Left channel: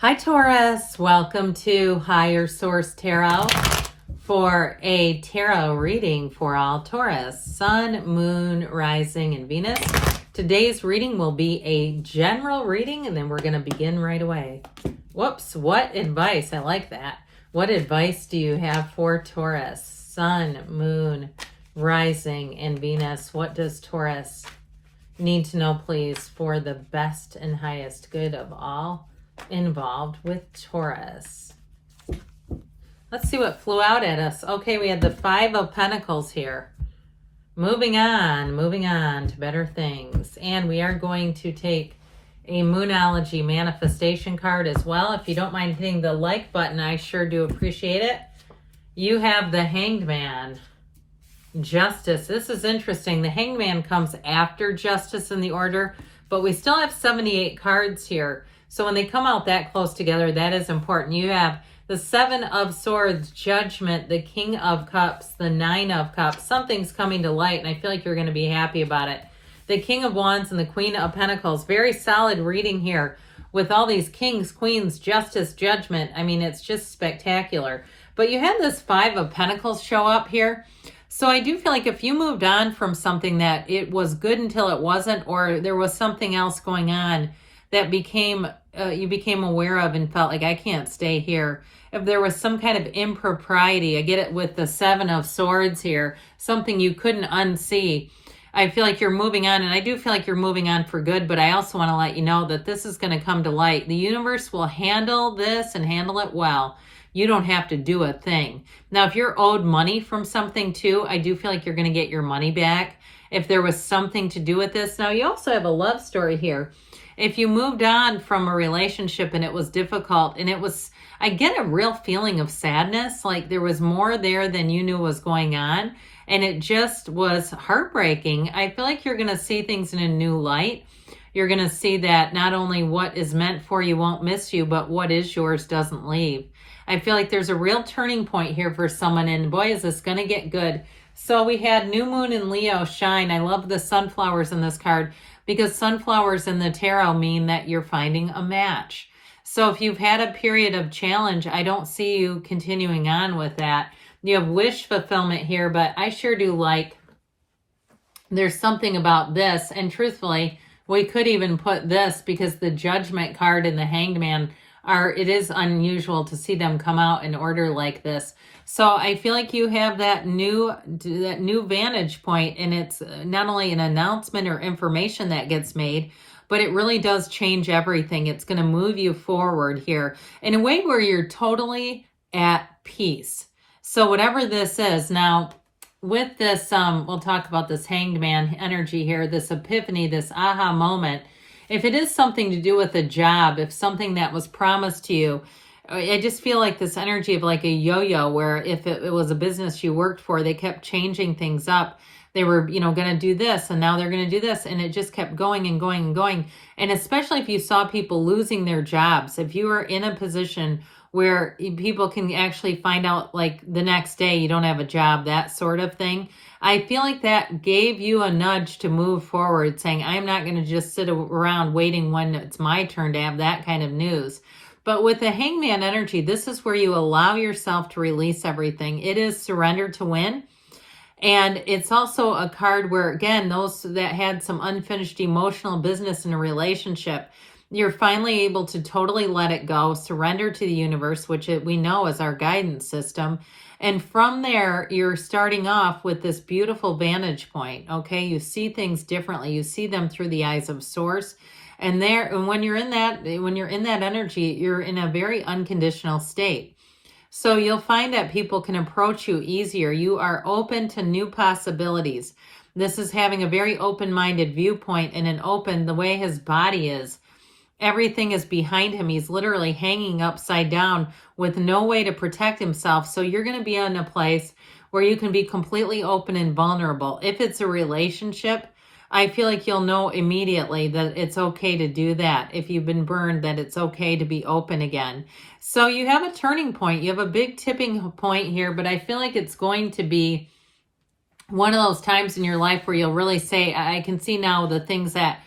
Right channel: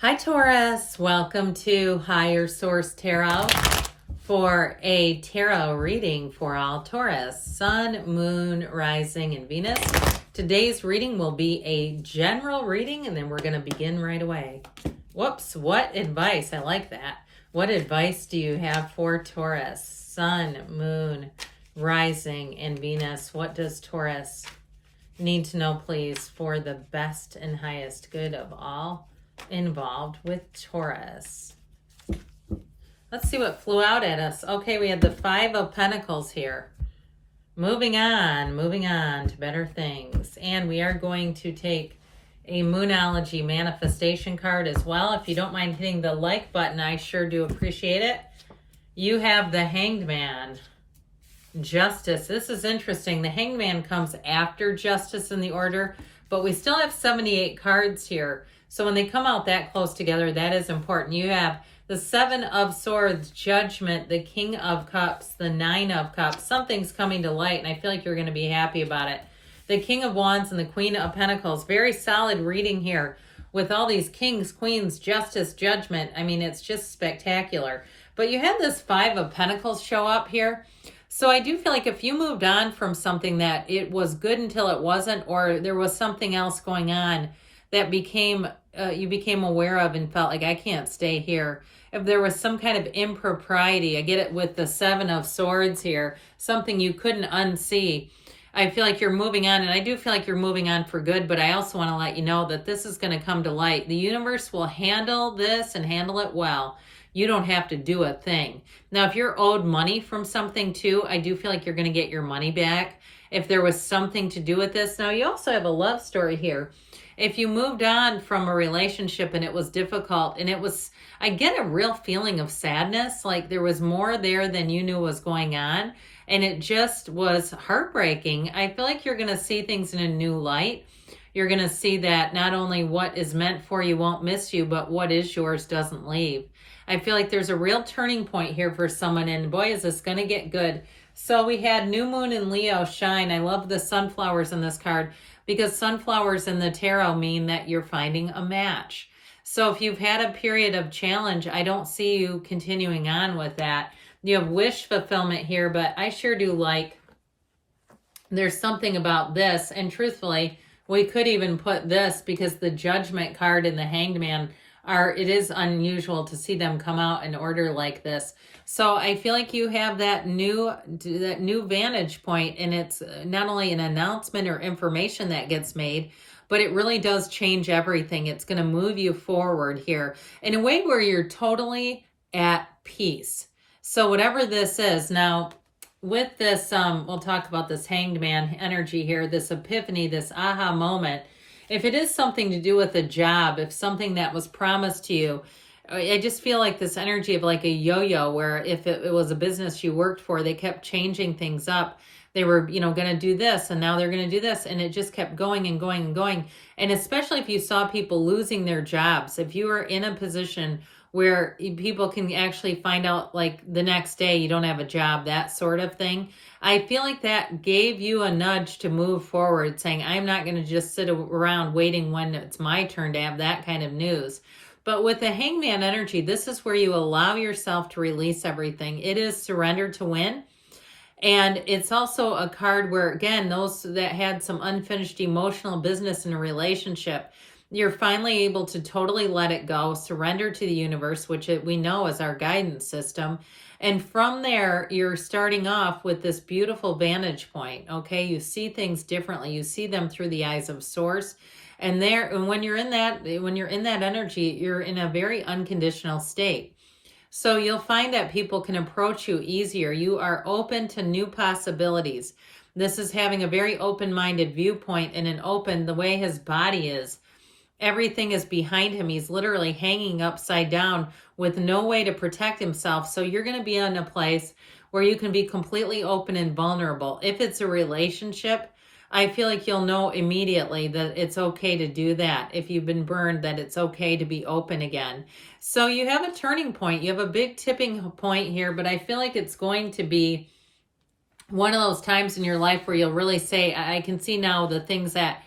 Hi Taurus, welcome to Higher Source Tarot for a tarot reading for all Taurus, Sun, Moon, Rising, and Venus. Today's reading will be a general reading and then we're going to begin right away. Whoops, what advice? I like that. What advice do you have for Taurus, Sun, Moon, Rising, and Venus? What does Taurus need to know, please, for the best and highest good of all involved with Taurus? Let's see what flew out at us. Okay, we had the Five of Pentacles here. Moving on to better things. And we are going to take a Moonology manifestation card as well. If you don't mind hitting the like button, I sure do appreciate it. You have the Hanged Man. Justice. This is interesting. The Hanged Man comes after Justice in the order, but we still have 78 cards here. So when they come out that close together, that is important. You have the Seven of Swords, Judgment, the King of Cups, the Nine of Cups. Something's coming to light, and I feel like you're going to be happy about it. The King of Wands and the Queen of Pentacles. Very solid reading here with all these kings, queens, justice, judgment. I mean, it's just spectacular. But you had this Five of Pentacles show up here. So I do feel like if you moved on from something that it was good until it wasn't, or there was something else going on that you became aware of and felt like, I can't stay here. If there was some kind of impropriety, I get it with the Seven of Swords here, something you couldn't unsee. I feel like you're moving on, and I do feel like you're moving on for good, but I also want to let you know that this is going to come to light. The universe will handle this and handle it well. You don't have to do a thing. Now, if you're owed money from something too, I do feel like you're going to get your money back if there was something to do with this. Now, you also have a love story here. If you moved on from a relationship and it was difficult, and I get a real feeling of sadness, like there was more there than you knew was going on, and it just was heartbreaking. I feel like you're going to see things in a new light. You're going to see that not only what is meant for you won't miss you, but what is yours doesn't leave. I feel like there's a real turning point here for someone, and boy, is this going to get good. So we had New Moon and Leo shine. I love the sunflowers in this card, because sunflowers in the tarot mean that you're finding a match. So if you've had a period of challenge, I don't see you continuing on with that. You have wish fulfillment here, but I sure do like there's something about this. And truthfully, we could even put this, because the Judgment card and the Hanged Man it is unusual to see them come out in order like this. So I feel like you have that new vantage point, and it's not only an announcement or information that gets made, but it really does change everything. It's going to move you forward here in a way where you're totally at peace. So whatever this is, now with this, we'll talk about this Hanged Man energy here, this epiphany, this aha moment. If it is something to do with a job, if something that was promised to you, I just feel like this energy of like a yo-yo, where if it was a business you worked for, they kept changing things up. They were, going to do this, and now they're going to do this, and it just kept going and going and going. And especially if you saw people losing their jobs, if you were in a position where people can actually find out like the next day you don't have a job, that sort of thing, I feel like that gave you a nudge to move forward, saying, I'm not going to just sit around waiting when it's my turn to have that kind of news. But with the Hangman energy, this is where you allow yourself to release everything. It is surrender to win. And it's also a card where, again, those that had some unfinished emotional business in a relationship, you're finally able to totally let it go, surrender to the universe, which we know is our guidance system. And from there, you're starting off with this beautiful vantage point, okay? You see things differently. You see them through the eyes of Source. And when you're in that energy, you're in a very unconditional state. So you'll find that people can approach you easier. You are open to new possibilities. This is having a very open-minded viewpoint, and the way his body is. Everything is behind him. He's literally hanging upside down with no way to protect himself. So you're going to be in a place where you can be completely open and vulnerable. If it's a relationship, I feel like you'll know immediately that it's okay to do that. If you've been burned, that it's okay to be open again. So you have a turning point. You have a big tipping point here, but I feel like it's going to be one of those times in your life where you'll really say, I can see now the things that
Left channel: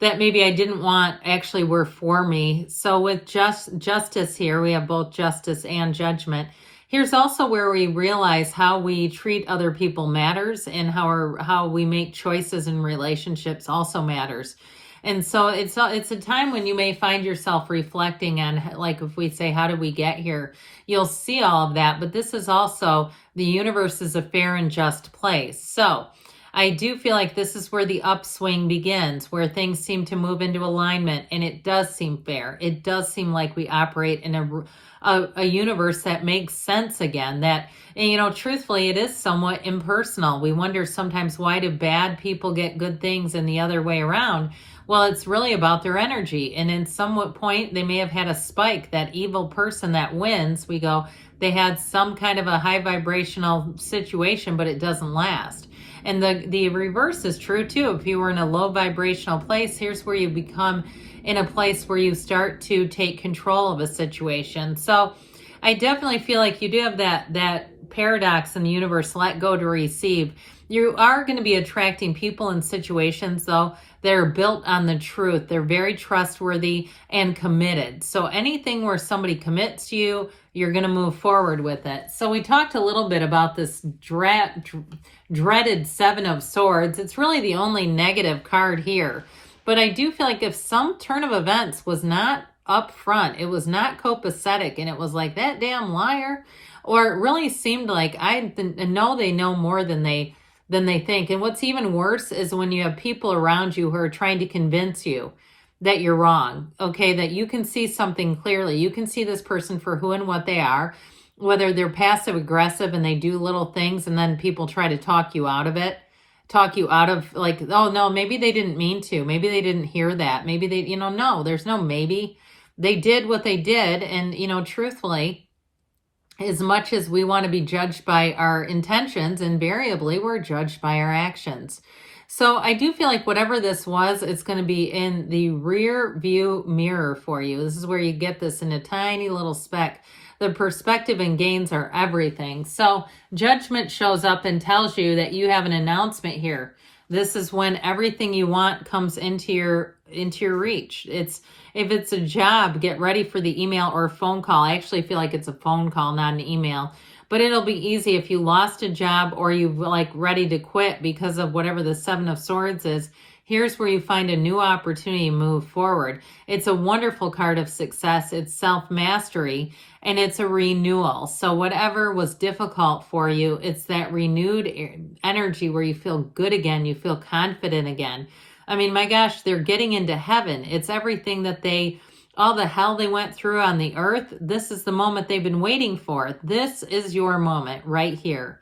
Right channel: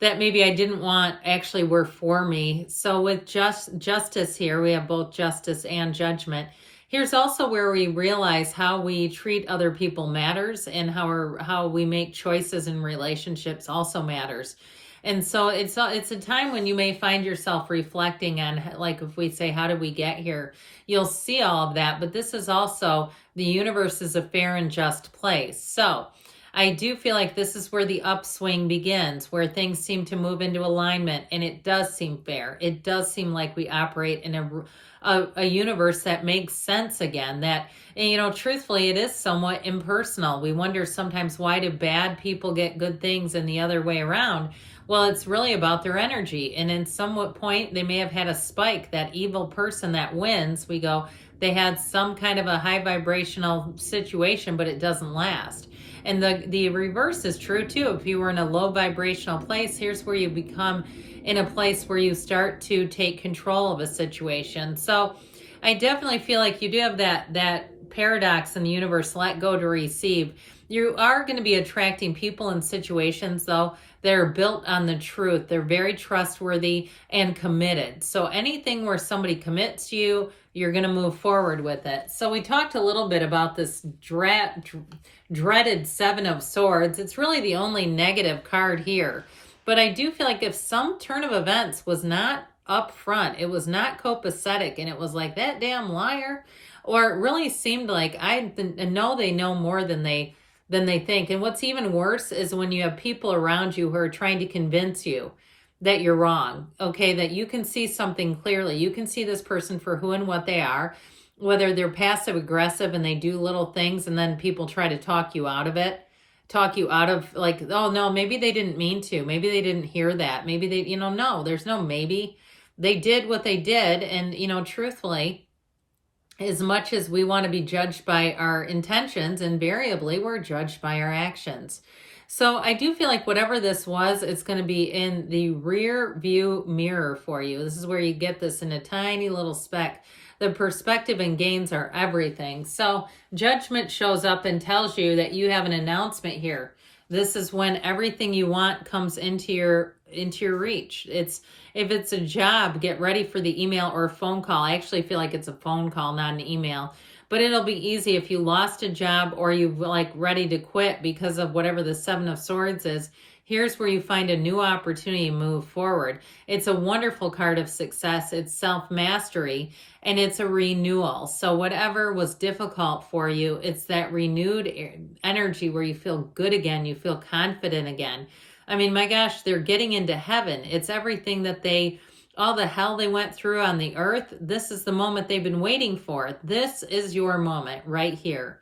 that maybe I didn't want actually were for me. So with justice here, we have both justice and judgment. Here's also where we realize how we treat other people matters, and how we make choices in relationships also matters. And so it's a time when you may find yourself reflecting on, like, if we say, how did we get here? You'll see all of that, but this is also, the universe is a fair and just place. So I do feel like this is where the upswing begins, where things seem to move into alignment, and it does seem fair. It does seem like we operate in a universe that makes sense again, that, you know, truthfully, it is somewhat impersonal. We wonder sometimes, why do bad people get good things and the other way around? Well, it's really about their energy. And in some point, they may have had a spike. That evil person that wins, we go, they had some kind of a high vibrational situation, but it doesn't last. And the reverse is true too. If you were in a low vibrational place, here's where you become in a place where you start to take control of a situation. So I definitely feel like you do have that paradox in the universe, let go to receive. You are going to be attracting people and situations, though, that are built on the truth. They're very trustworthy and committed. So anything where somebody commits to you, you're going to move forward with it. So we talked a little bit about this dreaded Seven of Swords. It's really the only negative card here. But I do feel like if some turn of events was not up front, it was not copacetic, and it was like, that damn liar, or it really seemed like, I know they know more than they think. And what's even worse is when you have people around you who are trying to convince you that you're wrong, okay, that you can see something clearly. You can see this person for who and what they are, whether they're passive aggressive and they do little things and then people try to talk you out of it, like, oh no, maybe they didn't mean to, maybe they didn't hear that, maybe they, you know, no, there's no maybe. They did what they did. And, you know, truthfully, as much as we want to be judged by our intentions, invariably we're judged by our actions. So I do feel like whatever this was, it's going to be in the rear view mirror for you. This is where you get this in a tiny little speck. The perspective and gains are everything. So judgment shows up and tells you that you have an announcement here. This is when everything you want comes into your reach. If it's a job, get ready for the email or phone call. I actually feel like it's a phone call, not an email. But it'll be easy if you lost a job or you're like ready to quit because of whatever the Seven of Swords is. Here's where you find a new opportunity to move forward. It's a wonderful card of success. It's self-mastery, and it's a renewal. So whatever was difficult for you, it's that renewed energy where you feel good again. You feel confident again. I mean, my gosh, they're getting into heaven. It's everything that all the hell they went through on the earth. This is the moment they've been waiting for. This is your moment right here.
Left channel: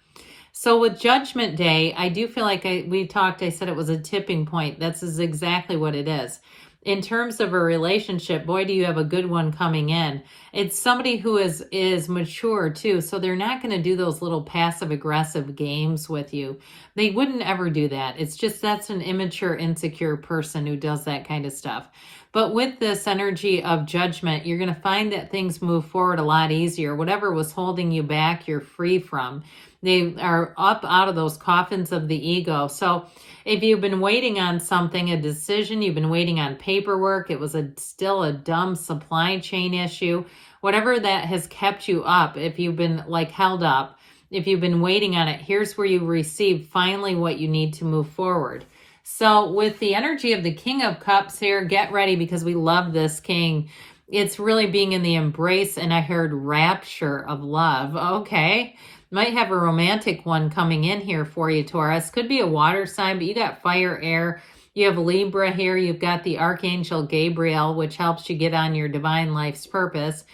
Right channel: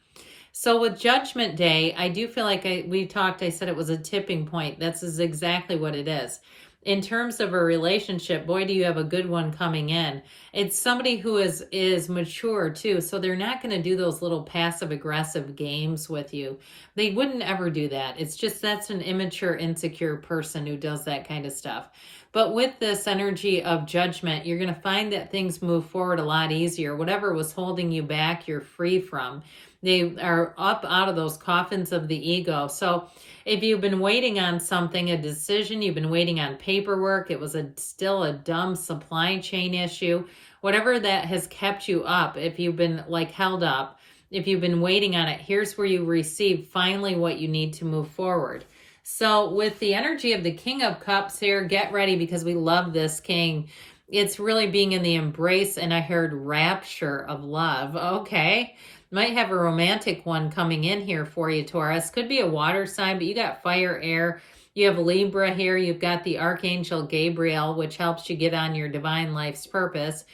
So with Judgment Day, I do feel like I said it was a tipping point. That's exactly what it is. In terms of a relationship, boy, do you have a good one coming in. It's somebody who is mature too. So they're not going to do those little passive aggressive games with you. They wouldn't ever do that. It's just, that's an immature, insecure person who does that kind of stuff. But with this energy of judgment, you're going to find that things move forward a lot easier. Whatever was holding you back, you're free from. They are up out of those coffins of the ego. So if you've been waiting on something, a decision, you've been waiting on paperwork, it was still a dumb supply chain issue, whatever that has kept you up, if you've been like held up, if you've been waiting on it, here's where you receive finally what you need to move forward. So with the energy of the King of Cups here, get ready because we love this king. It's really being in the embrace, and I heard rapture of love. Okay. Might have a romantic one coming in here for you, Taurus. Could be a water sign, but you got fire, air. You have Libra here. You've got the Archangel Gabriel, which helps you get on your divine life's purpose.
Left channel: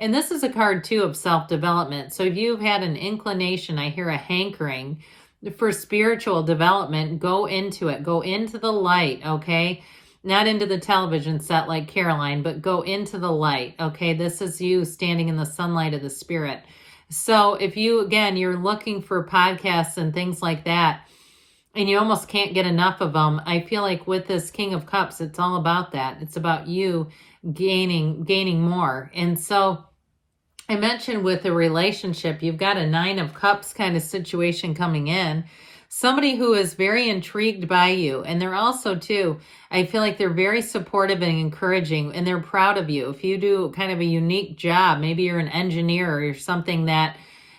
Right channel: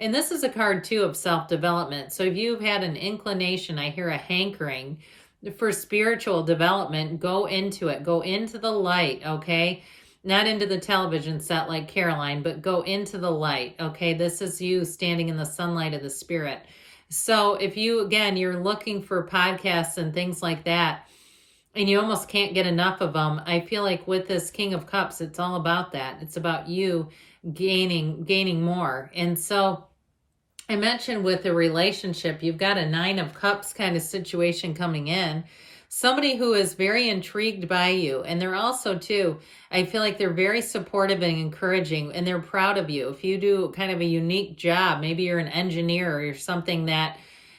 And this is a card, too, of self-development. So if you've had an inclination, I hear a hankering for spiritual development, go into it. Go into the light, okay? Not into the television set like Caroline, but go into the light, okay? This is you standing in the sunlight of the spirit. So if you're looking for podcasts and things like that, and you almost can't get enough of them, I feel like with this King of Cups, it's all about that. It's about you gaining more. And so I mentioned with a relationship, you've got a Nine of Cups kind of situation coming in. somebody who is very intrigued by you. And they're also, too, I feel like they're very supportive and encouraging, and they're proud of you. If you do kind of a unique job, maybe you're an engineer or something that,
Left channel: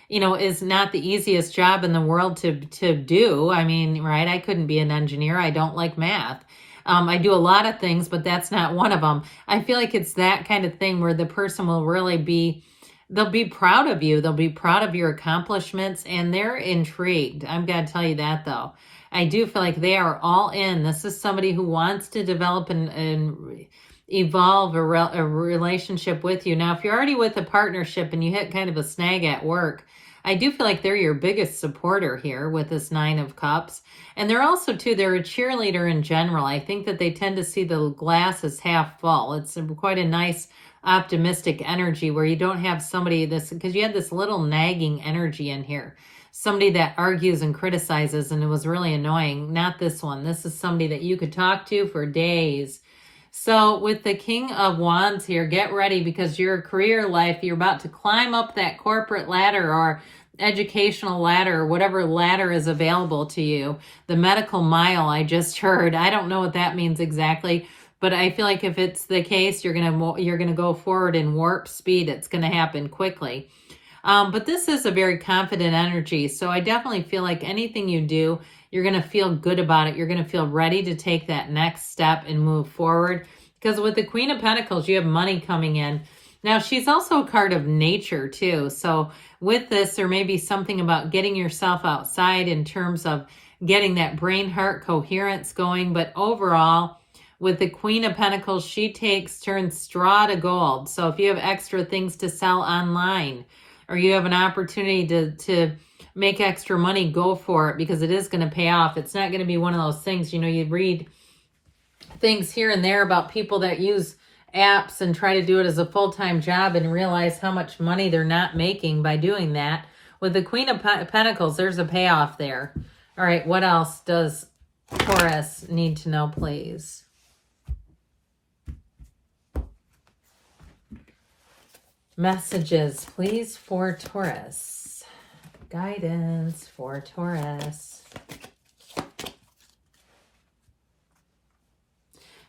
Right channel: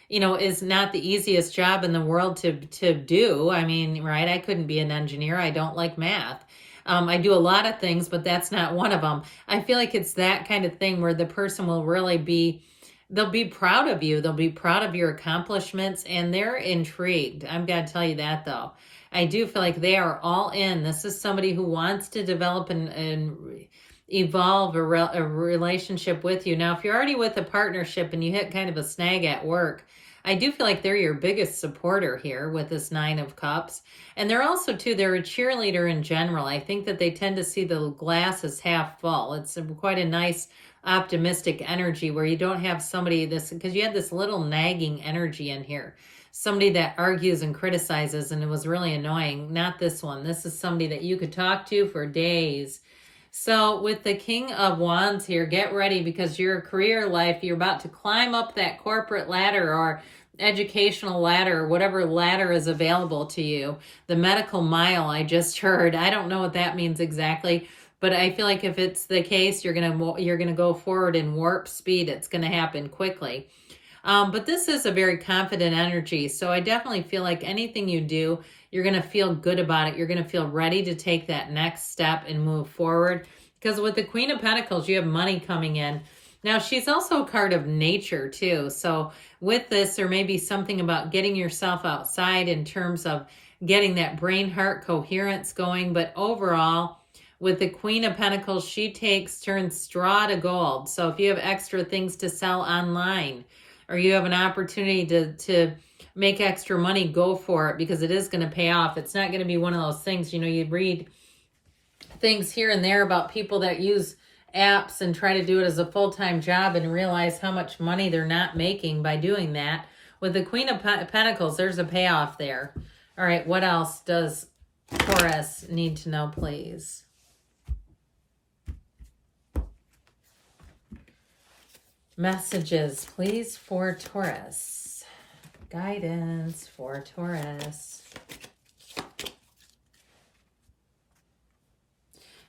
you know, is not the easiest job in the world to do. I mean, right? I couldn't be an engineer. I don't like math. I do a lot of things, but that's not one of them. I feel like it's that kind of thing where the person will really be, they'll be proud of you. They'll be proud of your accomplishments, and they're intrigued. I'm going to tell you that, though. I do feel like they are all in. This is somebody who wants to develop and evolve a relationship with you. Now, if you're already with a partnership and you hit kind of a snag at work, I do feel like they're your biggest supporter here with this Nine of Cups. And they're also, too, they're a cheerleader in general. I think that they tend to see the glass as half full. It's quite a nice optimistic energy where you don't have somebody because you had this little nagging energy in here. Somebody that argues and criticizes, and it was really annoying. Not this one. This is somebody that you could talk to for days. So with the King of Wands here, get ready, because your career life, you're about to climb up that corporate ladder or educational ladder, or whatever ladder is available to you. The medical mile, I just heard. I don't know what that means exactly, but I feel like if it's the case, you're gonna go forward in warp speed. It's gonna happen quickly. But this is a very confident energy, so I definitely feel like anything you do, you're going to feel good about it. You're going to feel ready to take that next step and move forward. Because with the Queen of Pentacles, you have money coming in. Now, she's also a card of nature, too. So with this, there may be something about getting yourself outside in terms of getting that brain-heart coherence going. But overall, with the Queen of Pentacles, she turns straw to gold. So if you have extra things to sell online, or you have an opportunity to make extra money, go for it, because it is going to pay off. It's not going to be one of those things, you know, you read things here and there about people that use apps and try to do it as a full-time job and realize how much money they're not making by doing that. With the Queen of Pentacles, there's a payoff there. All right, what else does Taurus need to know, please? Messages, please, for Taurus. Guidance for Taurus.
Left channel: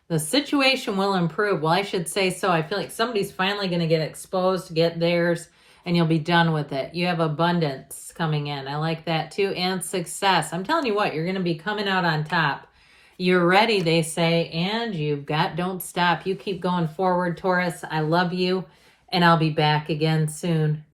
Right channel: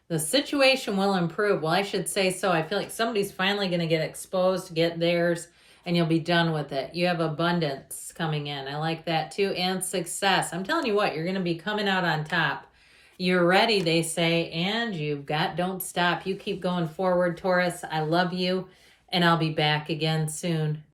The situation will improve. Well, I should say so. I feel like somebody's finally going to get exposed, get theirs, and you'll be done with it. You have abundance coming in. I like that too. And success. I'm telling you what, you're going to be coming out on top. You're ready, they say, and don't stop. You keep going forward, Taurus. I love you. And I'll be back again soon.